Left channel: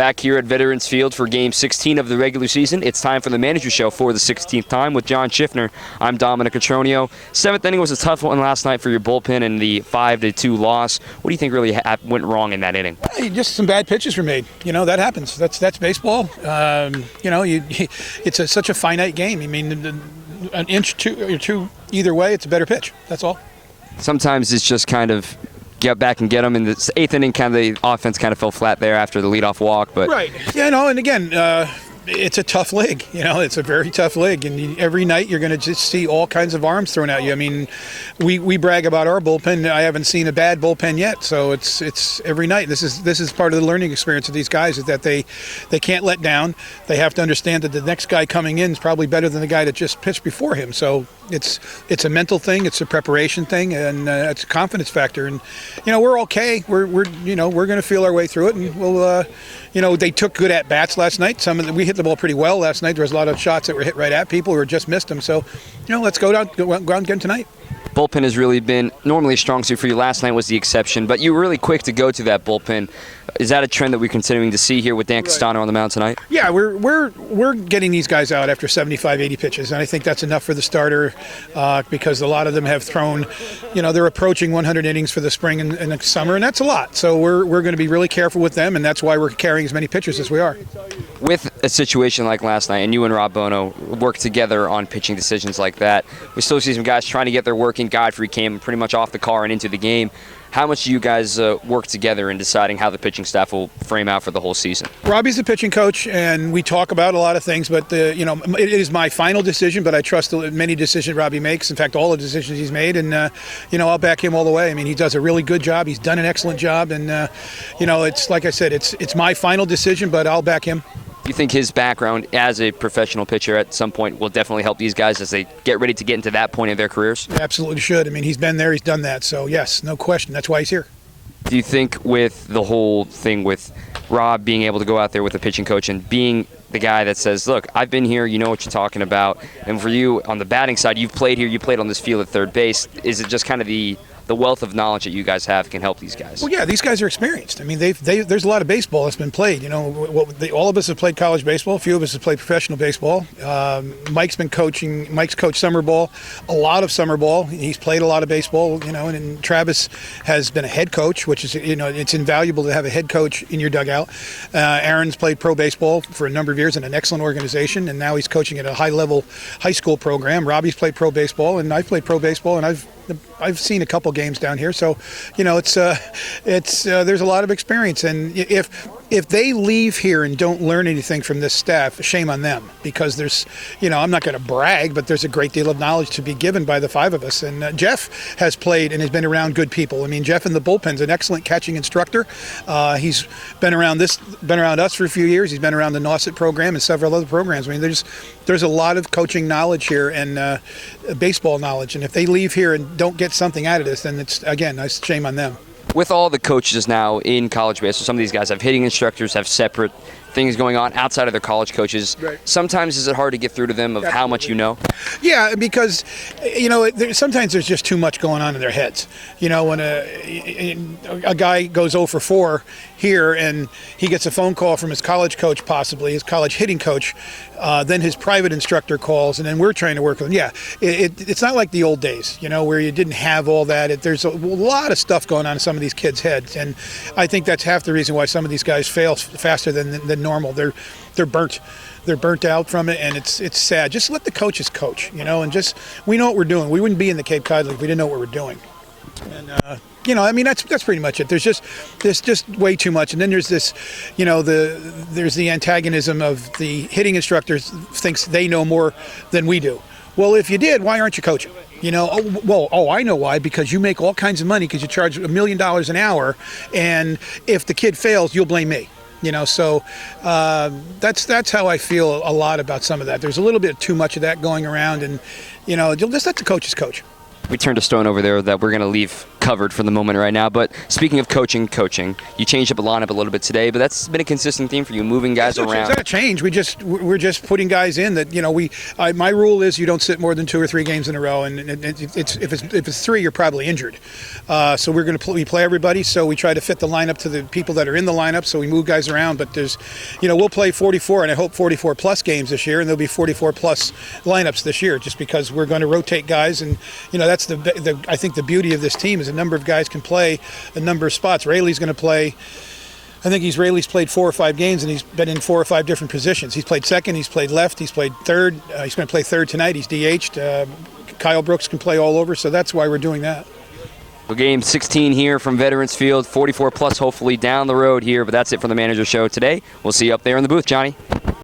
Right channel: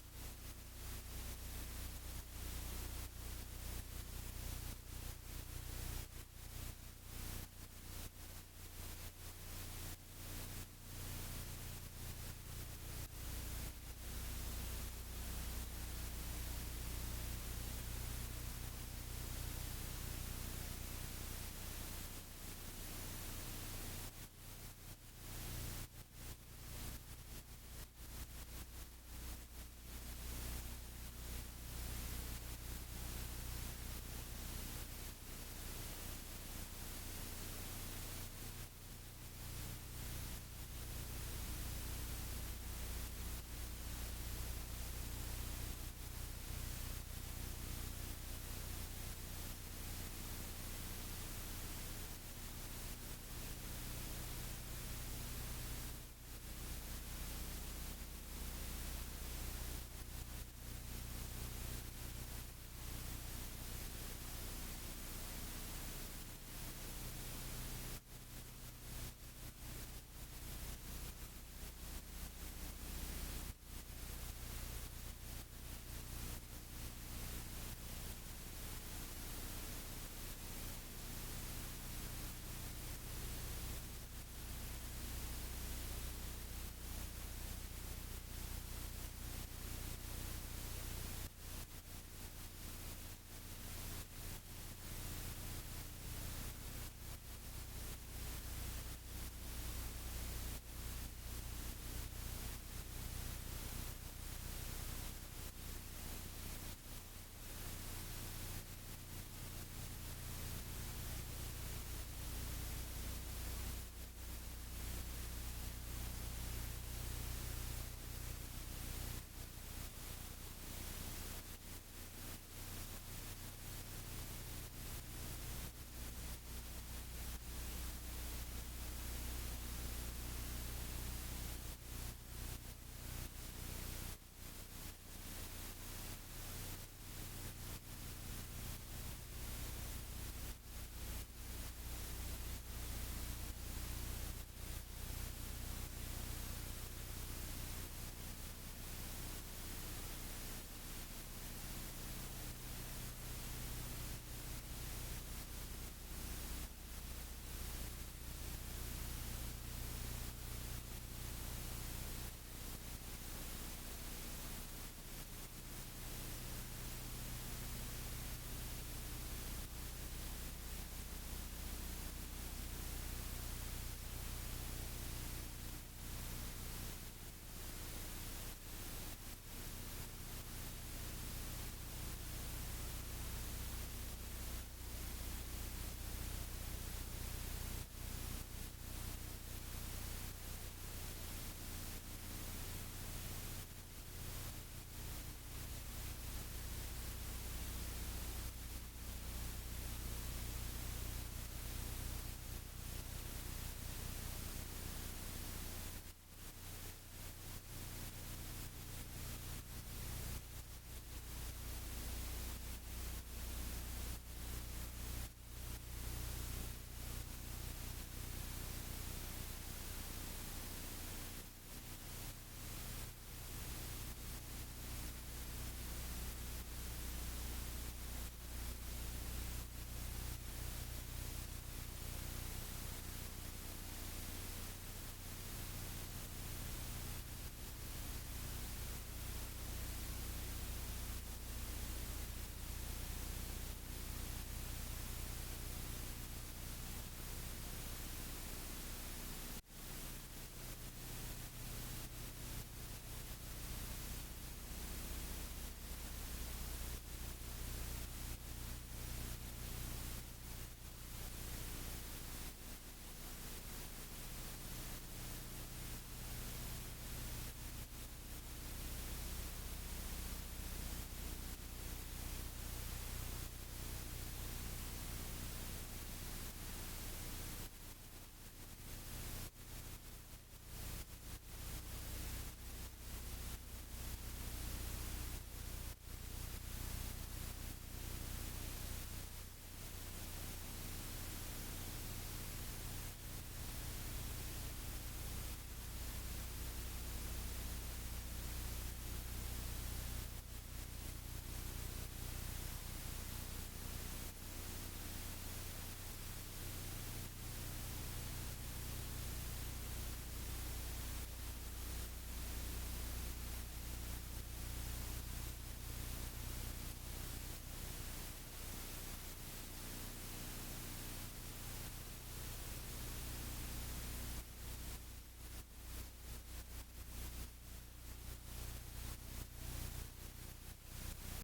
Back here at Veterans Field for Game 16 of the regular season, it's time for the Manager Show for the 16th time with John Schiffner. I'm Dominic Cotroneo. Seventh inning was a tough one last night for your bullpen in the 5-2 loss. What do you think really went wrong in that inning? Just some bad pitches were made. That happens. That's baseball. It's such a finite game. I mean, an inch or two either way, it's a better pitch. That's all. Sometimes it's just kind of get back and get them. In the eighth inning, kind of the offense kind of fell flat there after the leadoff walk. But right. Yeah, and again, it's a tough league. It's a very tough league, and every night you're going to just see all kinds of arms thrown at you. I mean, we brag about our bullpen. I haven't seen a bad bullpen yet, so it's every night. This is part of the learning experience of these guys, is that they can't let down. They have to understand that the next guy coming in is probably better than the guy that just pitched before him. So it's a mental thing, it's a preparation thing, and it's a confidence factor. And we're okay. We're going to feel our way through it, and we'll. They took good at bats last night. We hit the ball pretty well last night. There was a lot of shots that were hit right at people who just missed them. So, let's go out and get them tonight. Bullpen has really been normally a strong suit for you. Last night was the exception, but you were really quick to go to that bullpen. Is that a trend that we're continuing to see here with Dan Castano on the mound tonight? Yeah, we're getting these guys out after 75, 80 pitches, and I think that's enough for the starter because a lot of them have thrown, they're approaching 100 innings for the spring and the summer, and that's a lot. So we're going to be really careful with them, and that's why we're carrying as many pitchers as we are. With a situation like last night, and you and Rob Bono work together on pitching decisions like that, we still see some guys trying to get their work in. Godfrey came pretty much off the car and into the game. How much do you guys work together in deciding how the pitching staff will frame out for the whole season? Robbie's the pitching coach, and we talk about a lot of things, but it is my final decision, but I trust many decisions Robbie makes. In fact, all the decisions he's made, and I'll back him all the way. I mean, he does a really good job. He's done an excellent job, and it's like I said, it's my final decision, but I'll back him. You think his background as a professional pitcher at some point will definitely help these guys as they get ready to get into that point of their careers? Absolutely should. I mean, he's been there, he's done that. So, yes, no question. That's why he's here. Do you think with the whole thing with Rob being able to go out there with a pitching coach and being the guy that says, look, I've been here, you know what you're talking about, and for you on the batting side, you've played here, you played on this field at third base, is it just kind of the wealth of knowledge that you guys have can help these guys? Well, yeah, these guys are experienced. I mean, there's a lot of baseball that's been played. All of us have played college baseball. A few of us have played professional baseball. Mike's coached summer ball, a lot of summer ball. He's played a lot of baseball, and Travis has been a head coach, which is, it's invaluable to have a head coach in your dugout. Aaron's played pro baseball for a number of years in an excellent organization, and now he's coaching at a high-level high school program. Robbie's played pro baseball, and I've played pro baseball, and I've seen a couple games down here, so it's there's a lot of experience, and if they leave here and don't learn anything from this staff, shame on them, because there's I'm not going to brag, but there's a great deal of knowledge to be given by the five of us. And Jeff has played and has been around good people. I mean, Jeff in the bullpen's an excellent catching instructor. He's been around us for a few years. He's been around the Nauset program and several other programs. I mean, there's a lot of coaching knowledge here and baseball knowledge, and if they leave here and don't get something out of this, then it's, again, nice shame on them. With all the coaches now in college baseball, some of these guys have hitting instructors, have separate things going on outside of their college coaches. Right. Sometimes is it hard to get through to them of how much you know? Yeah, because sometimes there's just too much going on in their heads. When a guy goes 0 for 4 here and he gets a phone call from his college coach, possibly his college hitting coach, then his private instructor calls, and then we're trying to work with him. Yeah, it's not like the old days, where you didn't have all that. There's a lot of stuff going on in some of these kids' heads, and I think that's half the reason why some of these guys fail faster than normal. They're burnt. They're burnt out from it, and it's sad. Just let the coaches coach, and just we know what we're doing. We wouldn't be in the Cape Cod League if we didn't know what we're doing. And that's pretty much it. There's just way too much, and then there's this, there's the antagonism of the hitting instructors thinks they know more than we do. Well, if you did, why aren't you coaching? I know why, because you make all kinds of money because you charge $1 million an hour, and if the kid fails, you'll blame me. So that's how I feel a lot about some of that. There's a little bit too much of that going around, and you'll just let the coaches coach. we turned a stone over there that we're going to leave covered for the moment right now. But speaking of coaching, you changed up the lineup a little bit today, but that's been a consistent theme for you, moving guys around. It's not a change. We're just putting guys in that, you know, my rule is you don't sit more than 2 or 3 games in a row, and if it's 3, you're probably injured. So we're going to we play everybody, so we try to fit the lineup to the people that are in the lineup, so we move guys around. But there's, you know, we'll play 44, and I hope 44 plus games this year, and there'll be 44 plus lineups this year, just because we're going to rotate guys. And, you know, that's I think the beauty of this team is a number of guys can play a number of spots. Rayleigh's going to play. I think Rayleigh's played 4 or 5 games, and he's been in 4 or 5 different positions. He's played second, he's played left, he's played third. He's going to play third tonight. He's DH'd. Kyle Brooks can play all over, so that's why we're doing that. Well, game 16 here from Veterans Field, 44 plus hopefully down the road here, but that's it for the Manager Show today. We'll see you up there in the booth, Johnny.